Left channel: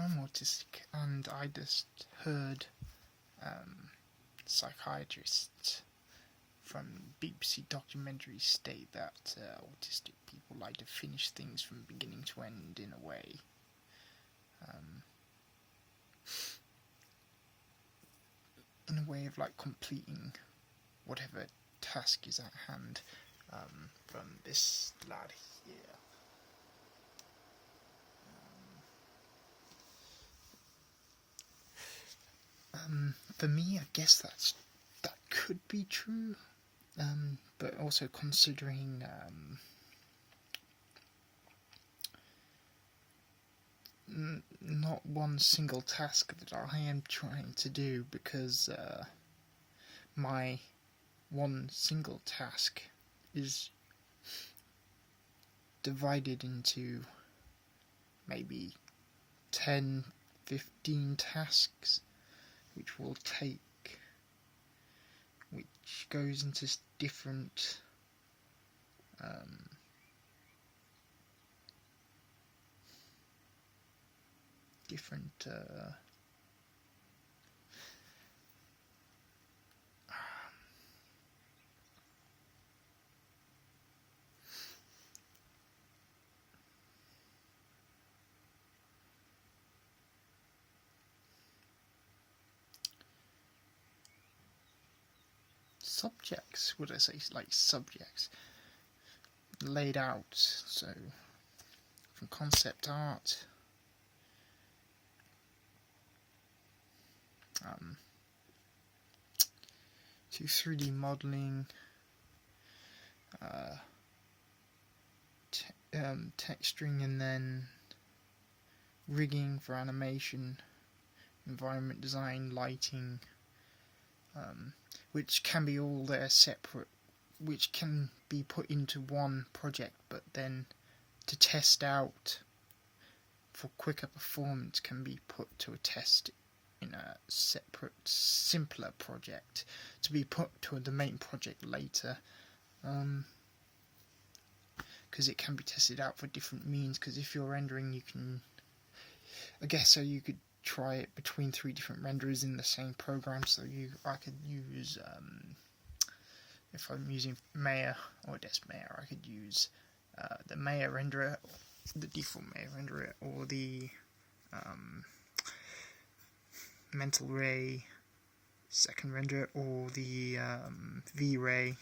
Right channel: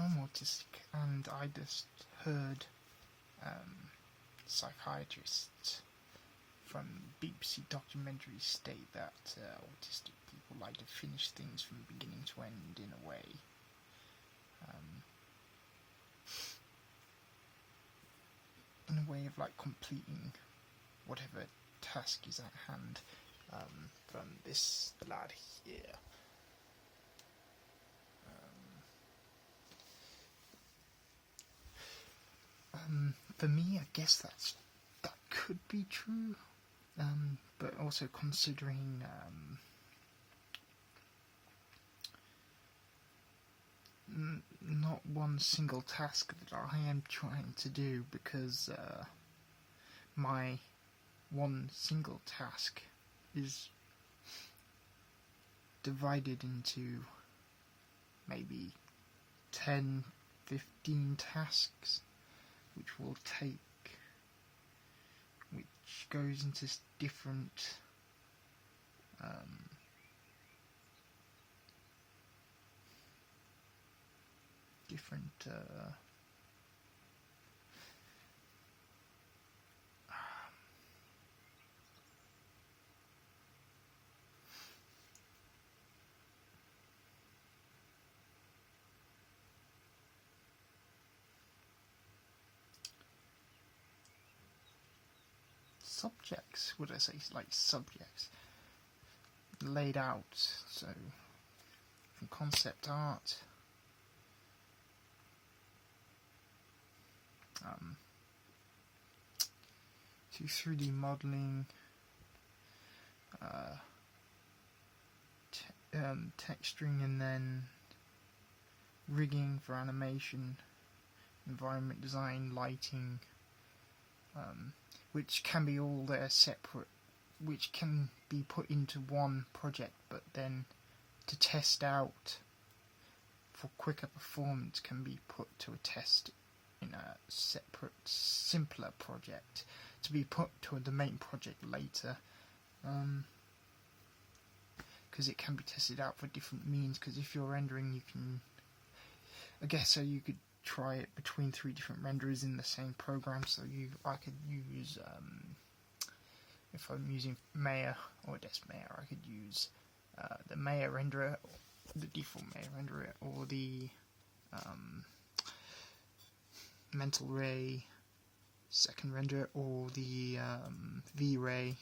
I'm autistic, and I just heard psychiatrists from BBC documentaries state that autistic people like to finish things from beginning to end in a way. In a way of like completing whatever task is at hand. From this lad here. For me, I guess that could be true, but also considering not one single task that I am trying to do, because my one single task is divided into maybe 10, 15 tasks, which goes into different subjects, would I say, like subjects laid out. So from concept art, to 3D modelling, texturing, and then rigging for animation, environment design, lighting, which can be all there separate, which can be put into one project, but then to test out for quicker performance can be put to a test in a separate, simpler project to be put to the main project later, because it can be tested out for different means. Because if you're rendering, you can, I guess, so you could try it between 3 different renderers in the same program. So I could use, if I'm using Maya or Desmaya, I could use the Maya renderer, the default Maya renderer, or the Mental Ray second renderer, or the V-Ray.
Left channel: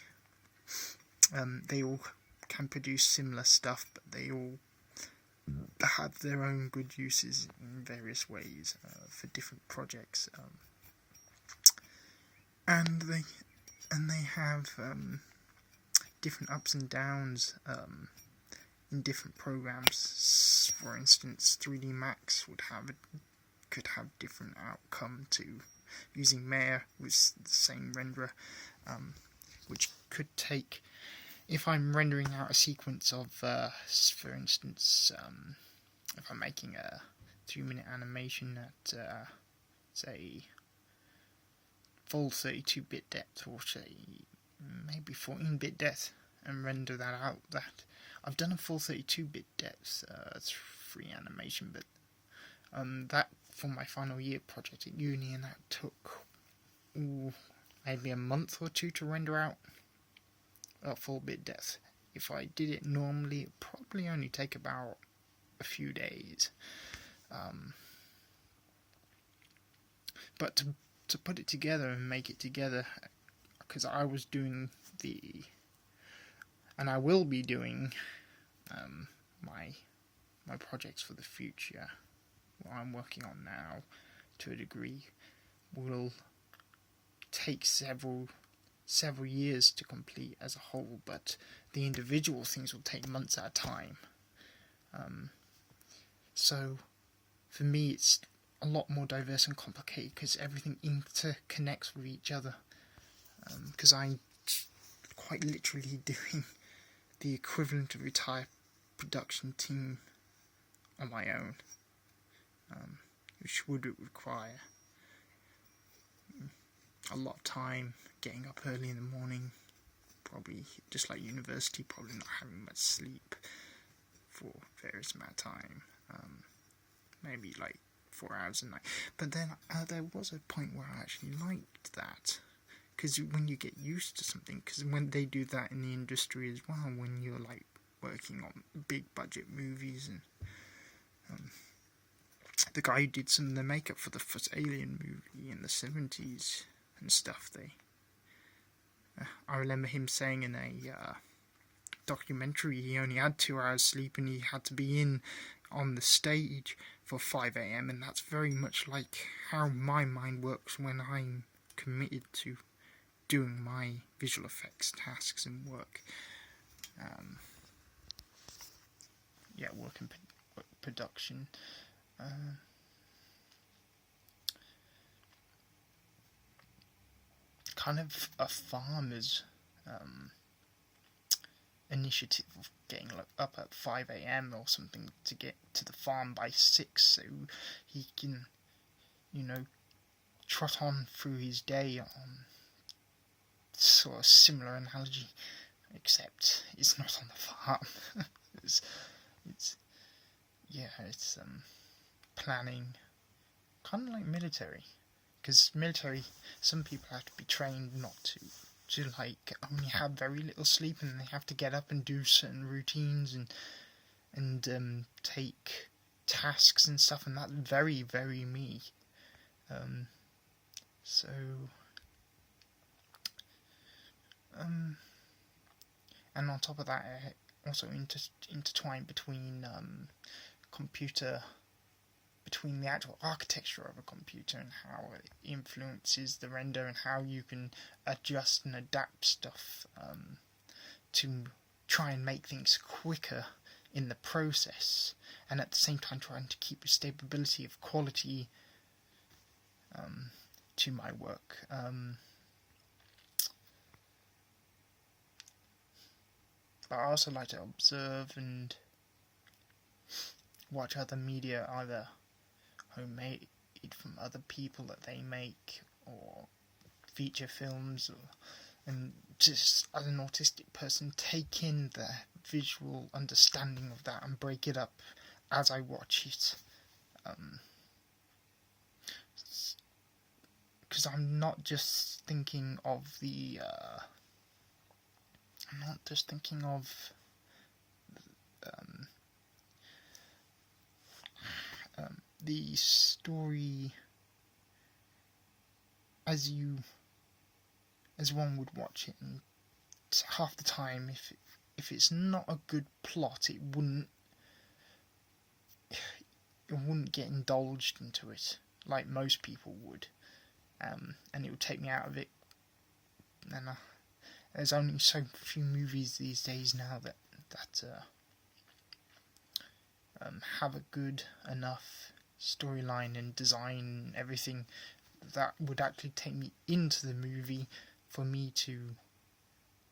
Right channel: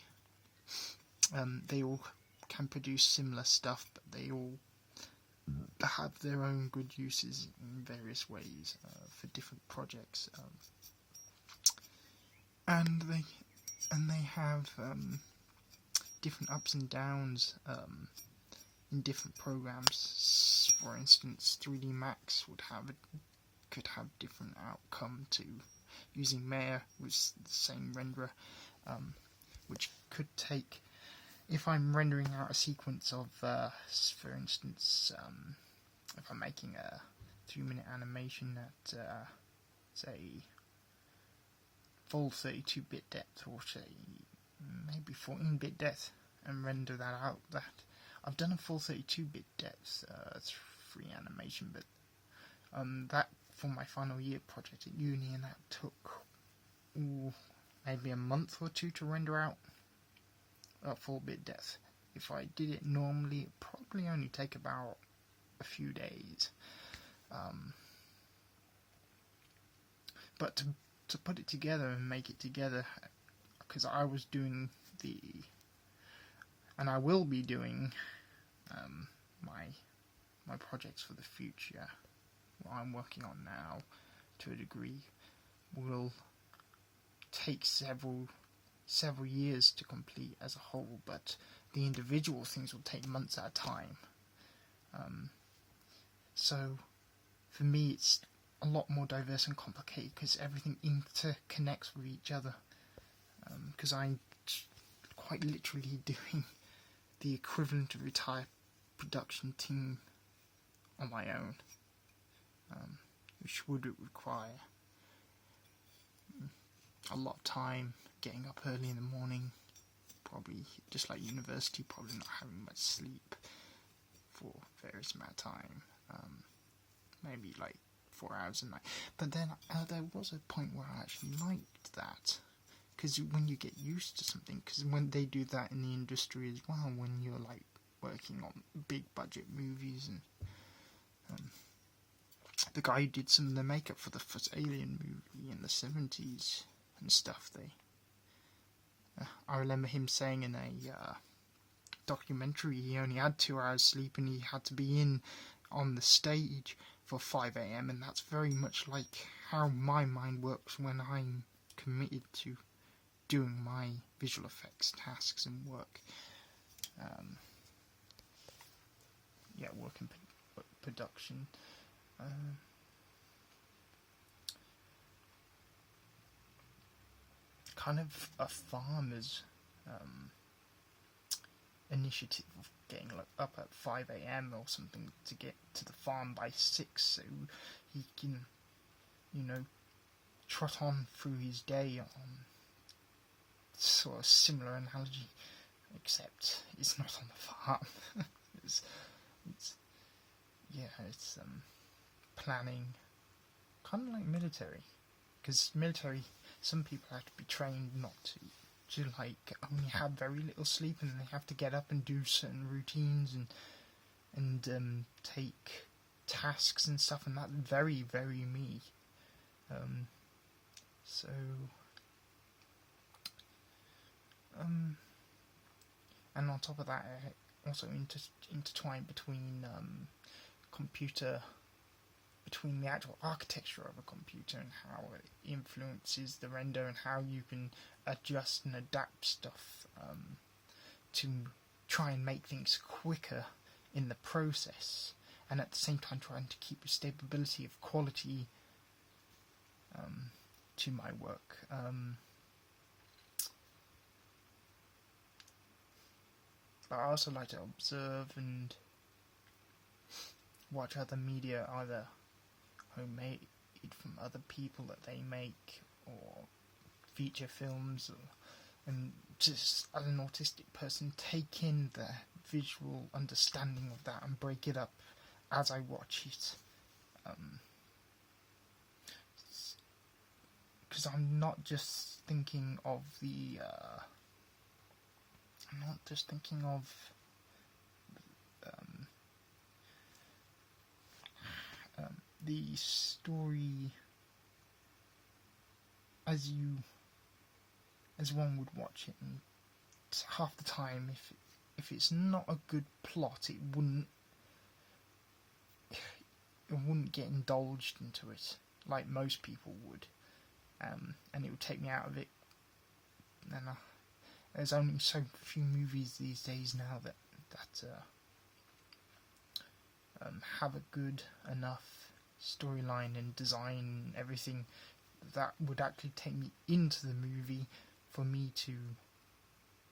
They all can produce similar stuff, but they all have their own good uses in various ways for different projects, and they have different ups and downs in different programs. For instance, 3D Max could have different outcome to using Maya with the same renderer, which could take, if I'm rendering out a sequence of, for instance, if I'm making a 3-minute animation at, say, full 32-bit depth, or say, maybe 14-bit depth, and render that out, I've done a full 32-bit depth 3 animation, but that for my final year project at uni, and that took maybe a month or 2 to render out at 4-bit depth. If I did it normally, it'd probably only take about a few days. But to put it together and make it together, because I was doing and I will be doing my projects for the future, what I'm working on now, to a degree, will take several years to complete as a whole, but the individual things will take months at a time. So for me, it's a lot more diverse and complicated, because everything interconnects with each other, because I'm quite literally doing the equivalent of a entire production team on my own, which would require a lot of time, getting up early in the morning, probably just like university, probably not having much sleep for various amount of time, maybe like 4 hours a night. But then there was a point where I actually liked that. Because when you get used to something, because when they do that in the industry as well, when you're like working on big budget movies, and the guy who did some of the makeup for the first Alien movie in the 70s and stuff, I remember him saying in a documentary he only had 2 hours sleep and he had to be in on the stage for 5 a.m. and that's very much like how my mind works when I'm committed to doing my visual effects tasks and work. Work in production. Kind of a farmer's initiative of getting up at 5 a.m. or something to get to the farm by 6 so he can, trot on through his day on sort of similar analogy, except it's not on the farm. it's planning, kind of like military, because military, some people have to be trained not to like only have very little sleep, and they have to get up and do certain routines and take tasks and stuff, and that's very, very me. And on top of that, also intertwined between between the actual architecture of a computer and how it influences the render and how you can adjust and adapt stuff to try and make things quicker in the process, and at the same time trying to keep a stability of quality to my work. But I also like to observe and watch other media, either homemade from other people that they make, or feature films, and just as an autistic person, take in the visual understanding of that and break it up as I watch it. Because I'm not just thinking of the the story as one would watch it, and half the time if it's not a good plot, it wouldn't get indulged into it like most people would, and it would take me out of it. And there's only so few movies these days now that have a good enough storyline and design and everything that would actually take me into the movie for me to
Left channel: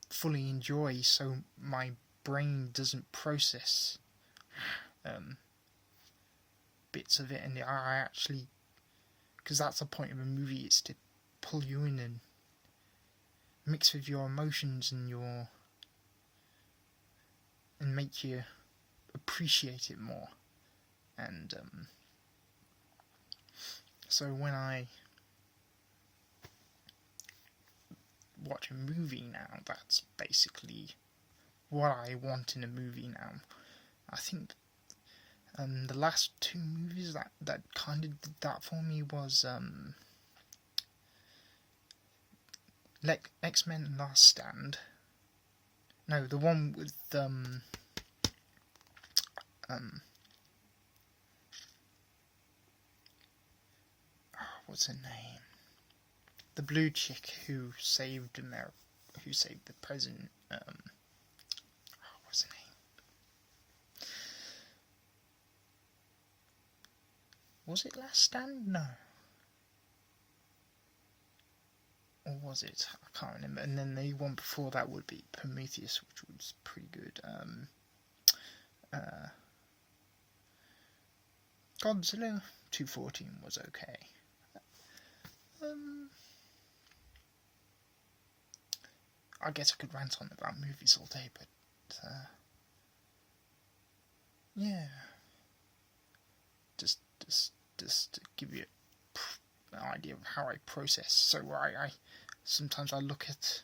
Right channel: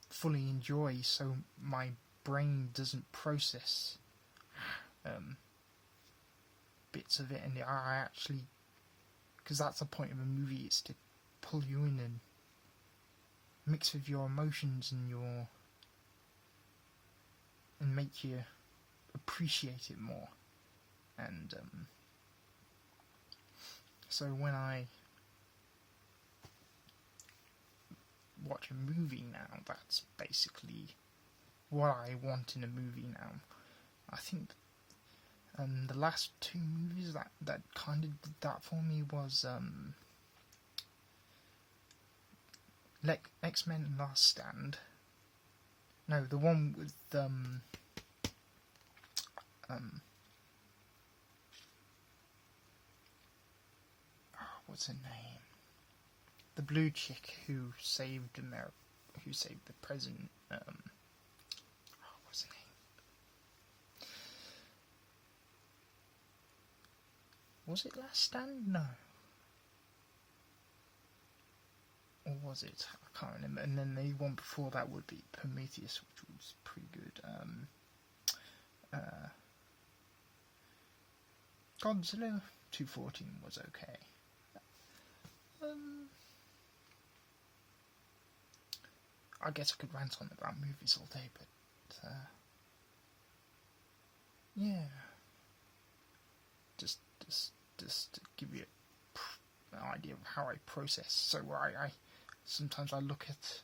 fully enjoy, so my brain doesn't process bits of it, and I actually, because that's the point of a movie, it's to pull you in and mix with your emotions and make you appreciate it more. And so when I watch a movie now, that's basically what I want in a movie now. I think the last two movies that kind of did that for me was X-Men Last Stand. No, the one with what's her name? The blue chick who saved America, who saved the president. What's her name? Was it Last Stand? No. Or was it? I can't remember. And then the one before that would be Prometheus, which was pretty good. Godzilla 214 was okay. I guess I could rant on about movies all day, but yeah, just just to give you an idea of how I process. So I sometimes I look at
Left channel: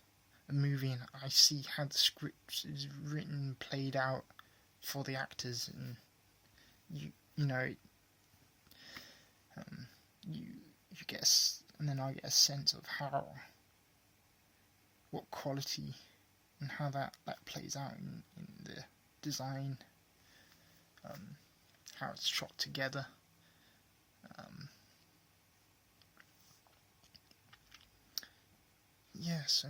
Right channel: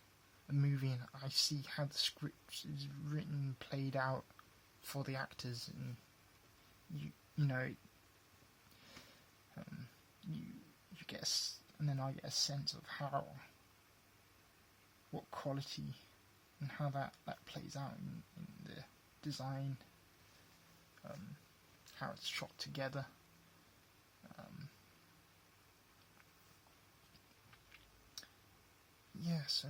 a movie and I see how the script is written, played out for the actors, and you know, you get and then I get a sense of what quality and how that plays out in the design, how it's shot together. Yeah, so